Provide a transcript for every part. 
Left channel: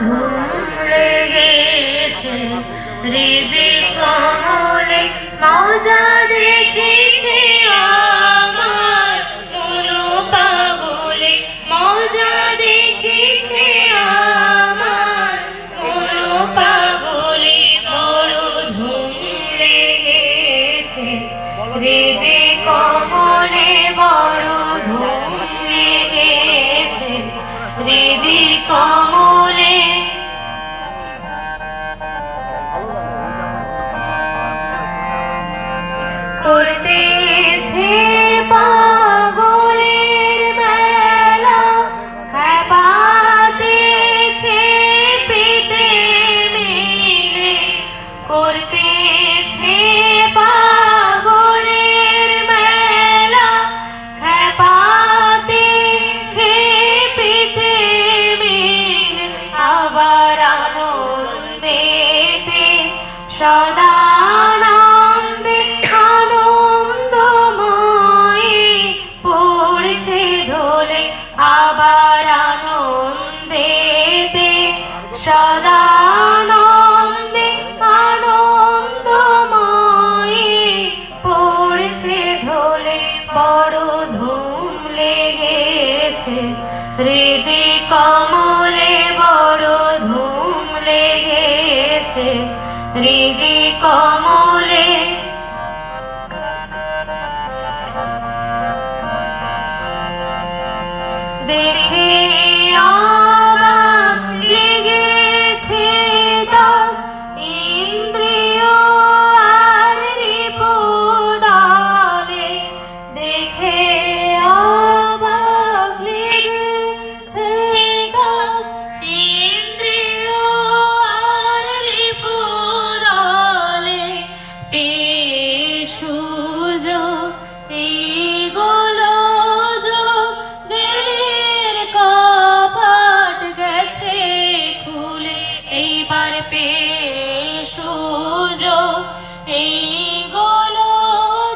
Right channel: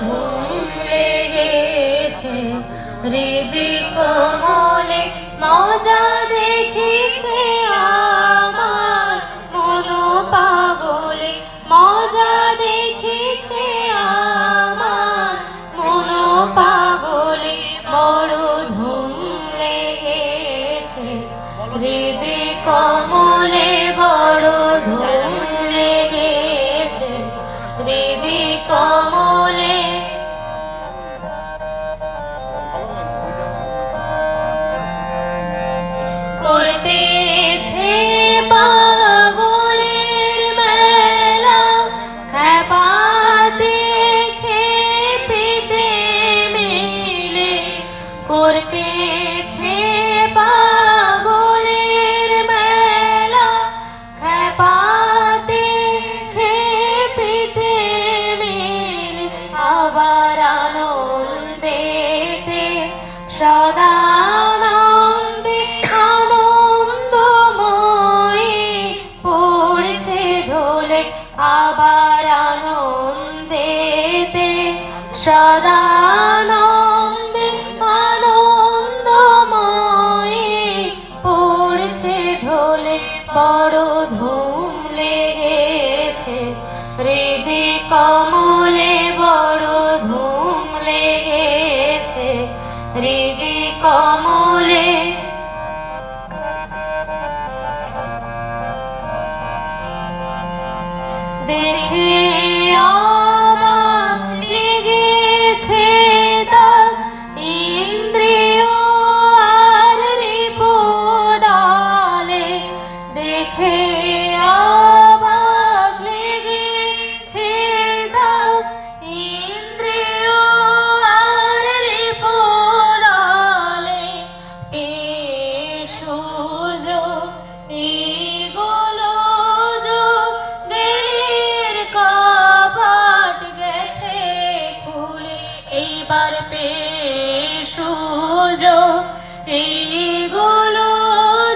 ধুম লেগেছে হৃদি কমলে মজা দেখেছে আমার মন পাগলে মজা দেখেছে আমার মন পাগলে বড় ধুম লেগেছে হৃদি কমলে বড় ধুম লেগেছে হৃদি কমলে করতেছে পাগলের মেলা খেপাতে খেপিতে মিলে করতেছে পাগলের মেলা খেপাতে খেপিতে মিলে আবার আনন্দেতে সদা আবার আনন্দেতে সদানন্দে আনন্দময়ী পড়ছে ঢোলে বড় ধুম লেগেছে হৃদি কমলে বড় ধুম লেগেছে হৃদি কমলে দেখে অবাক লেগেছে তার ইন্দ্রিয় আর রিপুদালে দেখে অবাক লেগেছে তার ইন্দ্রিয় আর রিপুদালে পেশুজ এইবার পেশুজ এইগুলো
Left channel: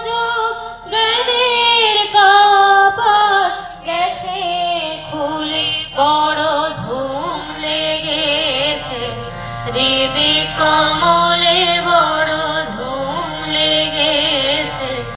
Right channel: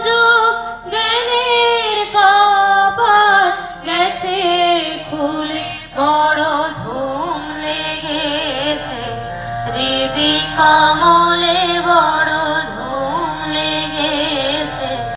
যোগ জ্ঞানের কাপড় গেছে খুলে বড় ধুম লেগেছে হৃদি কমলে